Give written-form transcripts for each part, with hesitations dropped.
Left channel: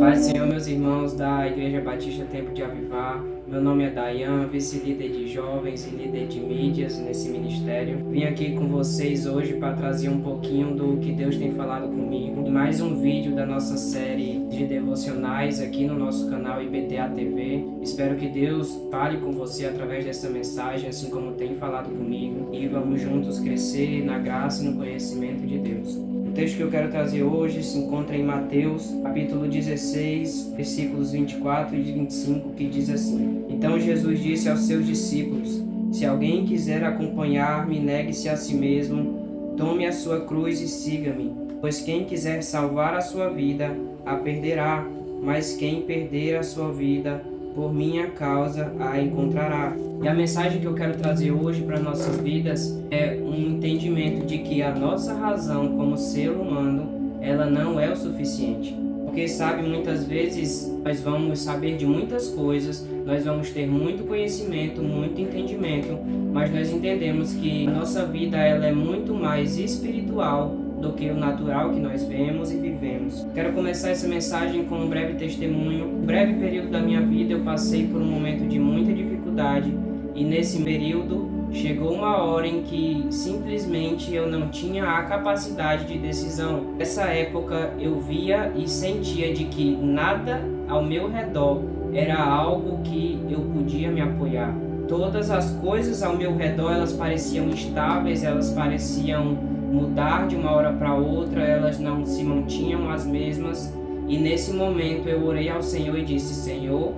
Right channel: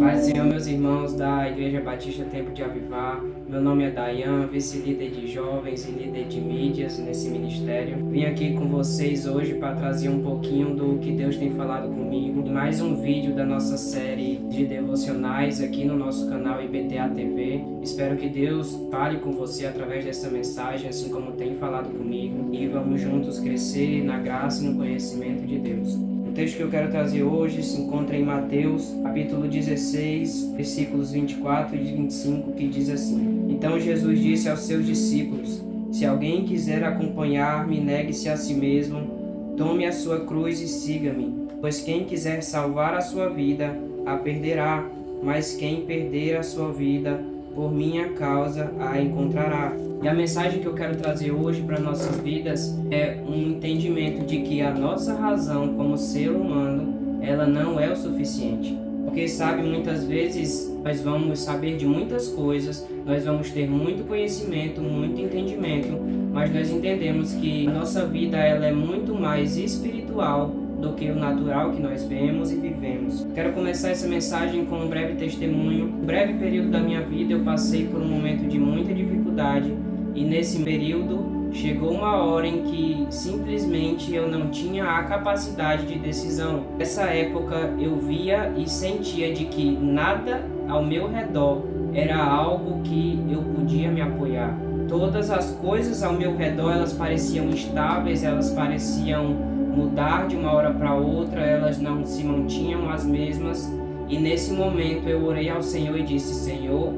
Pai do Senhor, meus irmãos da Igreja Batista Tempo de Avivar, meu nome é Dayan, vice-líder de jovens e líder de mídias nesse ministério. Vim aqui com vocês hoje para trazer um pouquinho do que Deus tem falado comigo. Em mais um vídeo da nossa série de devocionais aqui no nosso canal IBTA TV. Espero que Deus fale com você através dessa mensagem, assim como tem falado comigo. E vamos juntos crescer na graça e no conhecimento de Deus. O texto que eu quero trazer hoje se encontra em Mateus, capítulo 16, versículos 24 e 25, que diz assim: Então Jesus disse aos seus discípulos: Se alguém quiser acompanhar-me, negue-se a si mesmo, tome a sua cruz e siga-me. Pois quem quiser salvar a sua vida, a perderá, mas quem perder a sua vida, por minha causa, a encontrará. E a mensagem que eu quero trazer hoje para nossas vidas é um entendimento de que a nossa razão como ser humano, ela não é o suficiente. Porque, sabe, muitas vezes nós vamos saber de muitas coisas, nós vamos ter muito conhecimento, muito entendimento, mas nós entendemos que a nossa vida ela é muito mais espiritual do que o natural que nós vemos e vivemos. Quero começar essa mensagem com um breve testemunho. No breve período da minha vida eu passei por um momento de muita dificuldade e nesse período chegou uma hora em que simplesmente eu não tinha a capacidade de decisão. Nessa época eu via e sentia de que nada ao meu redor era algo que eu podia me apoiar. Todas as coisas ao meu redor elas pareciam instáveis, elas pareciam mudar de uma hora para outra, elas não se mantinham as mesmas. E nesse momento eu orei ao Senhor e disse: Senhor,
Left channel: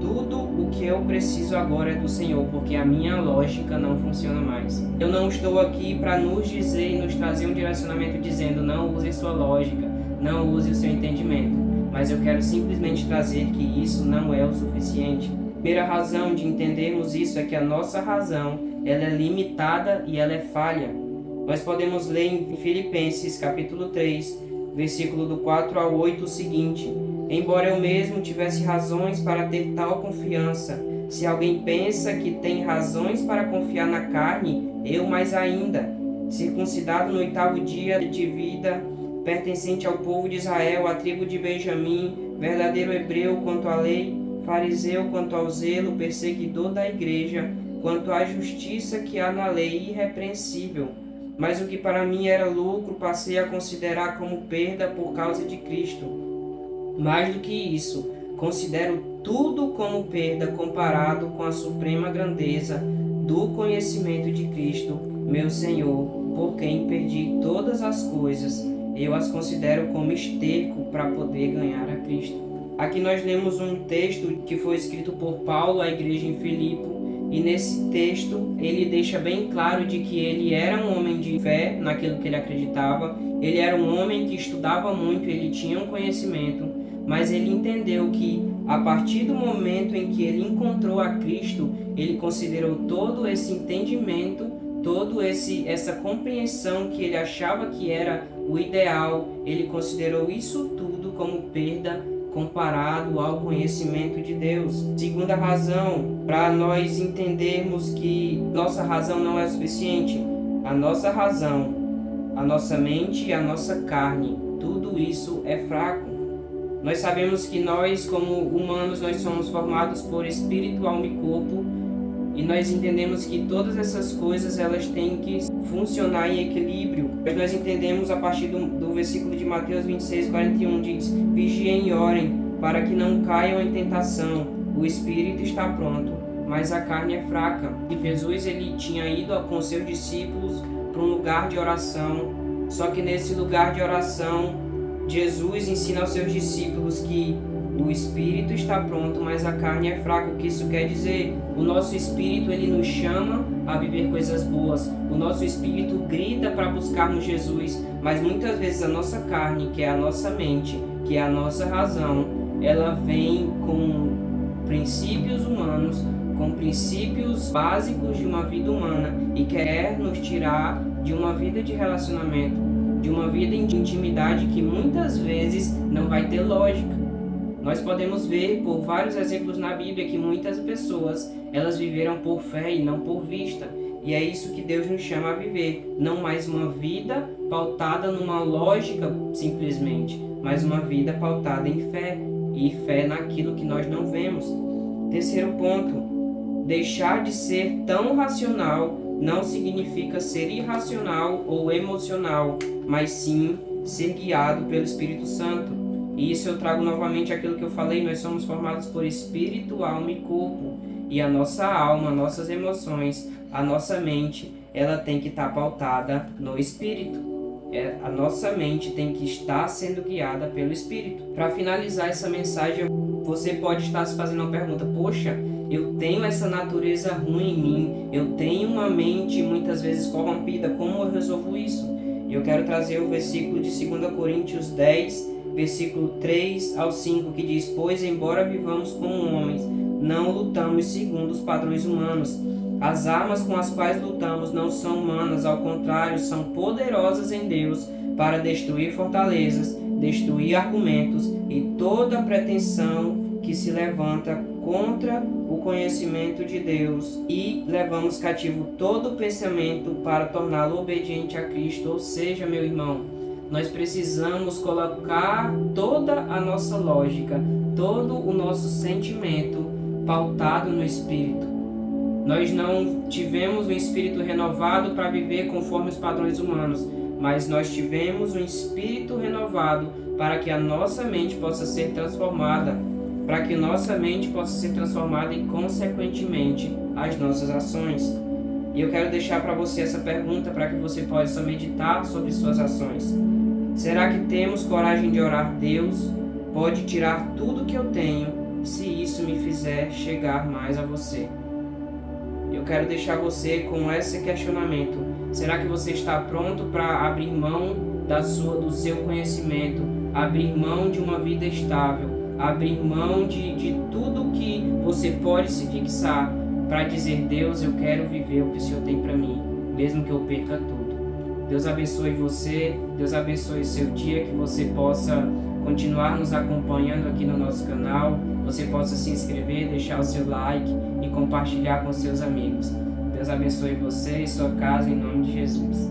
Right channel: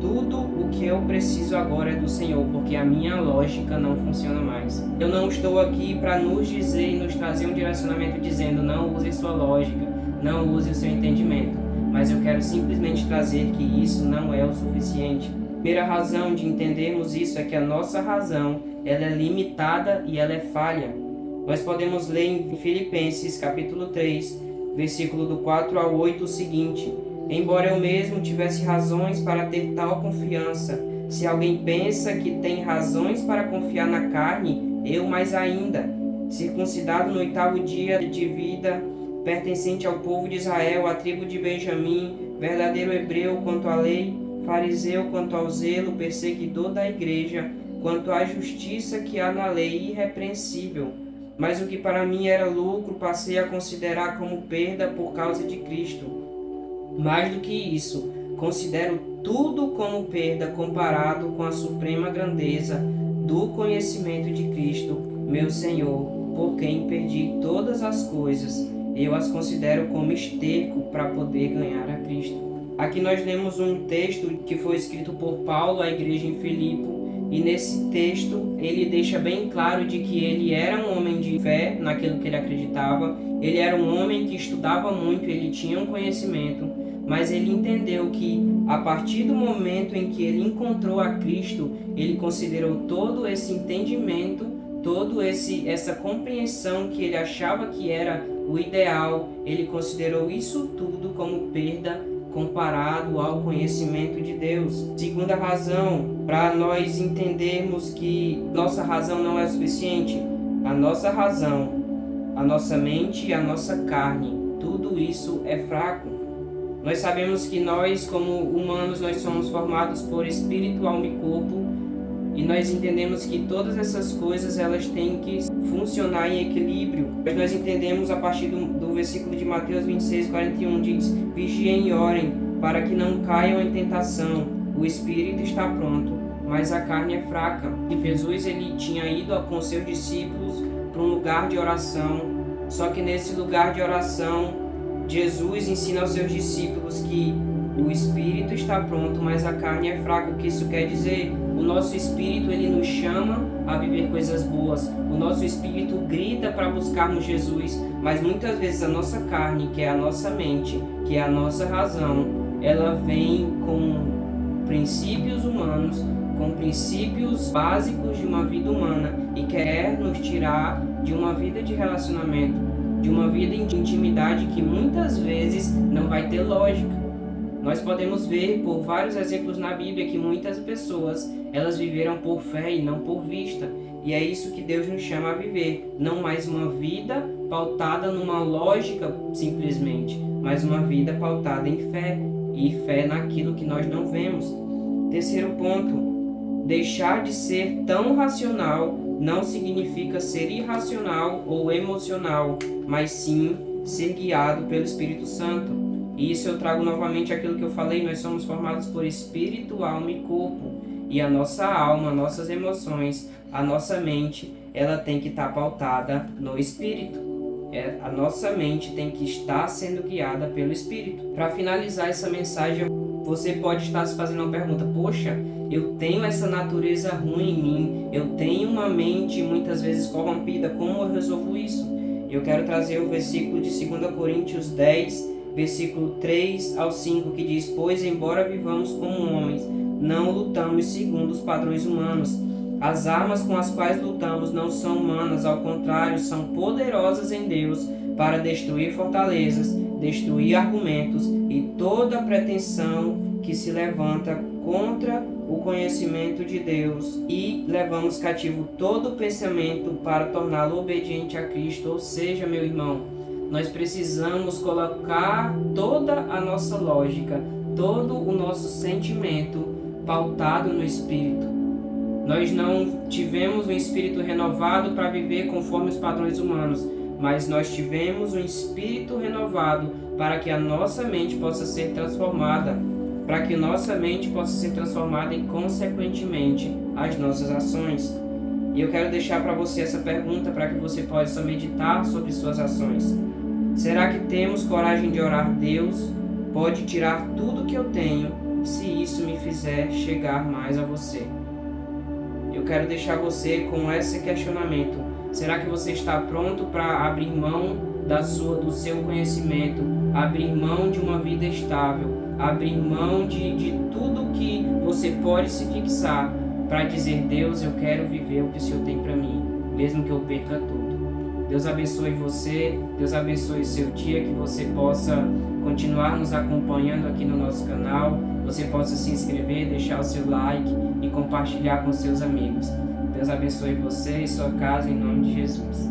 tudo o que eu preciso agora é do Senhor, porque a minha lógica não funciona mais. Eu não estou aqui para nos dizer e nos trazer um direcionamento dizendo não use sua lógica, não use o seu entendimento, mas eu quero simplesmente trazer que isso não é o suficiente. A primeira razão de entendermos isso é que a nossa razão ela é limitada e ela é falha. Nós podemos ler em Filipenses capítulo 3, versículo do 4 ao 8 o seguinte: Embora eu mesmo tivesse razões para ter tal confiança, se alguém pensa que tem razões para confiar na carne, eu mais ainda, circuncidado no 8º dia de vida, pertencente ao povo de Israel, à tribo de Benjamim, verdadeiro hebreu quanto à lei, fariseu quanto ao zelo, perseguidor da igreja, quanto à justiça que há na lei, irrepreensível. Mas o que para mim era lucro, passei a considerar como perda por causa de Cristo. Mais do que isso, considero tudo como perda comparado com a suprema grandeza do conhecimento de Cristo, meu Senhor, por quem perdi todas as coisas. Eu as considero como esterco para poder ganhar a Cristo. Aqui nós lemos um texto que foi escrito por Paulo à igreja em Filipe, e nesse texto ele deixa bem claro de que ele era um homem de fé naquilo que ele acreditava, ele era um homem que estudava muito, ele tinha um conhecimento, mas ele entendeu que a partir do momento em que ele encontrou a Cristo, ele considerou todo esse entendimento, essa compreensão que ele achava que era o ideal, ele considerou isso tudo como perda comparado ao conhecimento de Deus. Segunda razão, para nós entendermos que nossa razão não é suficiente, a nossa razão, a nossa mente e a nossa carne, tudo isso é fraco. Nós sabemos que nós, como humanos, nós somos formados por espírito, alma e corpo, e nós entendemos que todas essas coisas elas têm que funcionar em equilíbrio. Nós entendemos a partir do versículo de Mateus 26, 41, diz: Vigiem e orem, para que não caiam em tentação. O espírito está pronto, mas a carne é fraca. E Jesus ele tinha ido com seus discípulos para um lugar de oração, só que nesse lugar de oração, Jesus ensina aos seus discípulos que o espírito está pronto, mas a carne é fraca. O que isso quer dizer? O nosso espírito ele nos chama a viver coisas boas. O nosso espírito grita para buscarmos Jesus, mas muitas vezes a nossa carne, que é a nossa mente, que é a nossa razão, ela vem com princípios humanos, com princípios básicos de uma vida humana e quer nos tirar de uma vida de relacionamento, de uma vida de intimidade que muitas vezes não vai ter lógica. Nós podemos ver por vários exemplos na Bíblia que muitas pessoas, elas viveram por fé e não por vista. E é isso que Deus nos chama a viver. Não mais uma vida pautada numa lógica simplesmente, mas uma vida pautada em fé. E fé naquilo que nós não vemos. Terceiro ponto, deixar de ser tão racional não significa ser irracional ou emocional, mas sim ser guiado pelo Espírito Santo. E isso eu trago novamente aquilo que eu falei, nós somos formados por espírito, alma e corpo. E a nossa alma, nossas emoções, a nossa mente, ela tem que estar pautada no Espírito. A nossa mente tem que estar sendo guiada pelo Espírito. Para finalizar essa mensagem, você pode estar se fazendo uma pergunta: poxa, eu tenho essa natureza ruim em mim, eu tenho uma mente muitas vezes corrompida, como eu resolvo isso? Eu quero trazer o versículo de 2 Coríntios 10, versículo 3 ao 5, que diz: pois embora vivamos como homens, não lutamos segundo os padrões humanos. As armas com as quais lutamos não são humanas, ao contrário, são poderosas em Deus para destruir fortalezas, destruir argumentos e toda pretensão que se levanta contra o conhecimento de Deus, e levamos cativo todo pensamento para torná-lo obediente a Cristo. Ou seja, meu irmão, nós precisamos colocar toda a nossa lógica, todo o nosso sentimento pautado no Espírito. Nós não tivemos um espírito renovado para viver conforme os padrões humanos, mas nós tivemos um espírito renovado para que a nossa mente possa ser transformada, para que nossa mente possa ser transformada e, consequentemente, as nossas ações. E eu quero deixar para você essa pergunta para que você possa meditar sobre suas ações. Será que temos coragem de orar? Deus pode tirar tudo que eu tenho se isso me fizer chegar mais a você. Eu quero deixar você com esse questionamento. Será que você está pronto para abrir mão do seu conhecimento, abrir mão de uma vida estável, abrir mão de tudo que você pode se fixar para dizer: Deus, eu quero viver o que o Senhor tem para mim, mesmo que eu perca tudo? Deus abençoe você, Deus abençoe o seu dia, que você possa continuar nos acompanhando aqui no nosso canal, você possa se inscrever, deixar o seu like e compartilhar com seus amigos. Deus abençoe você e sua casa em nome de Jesus.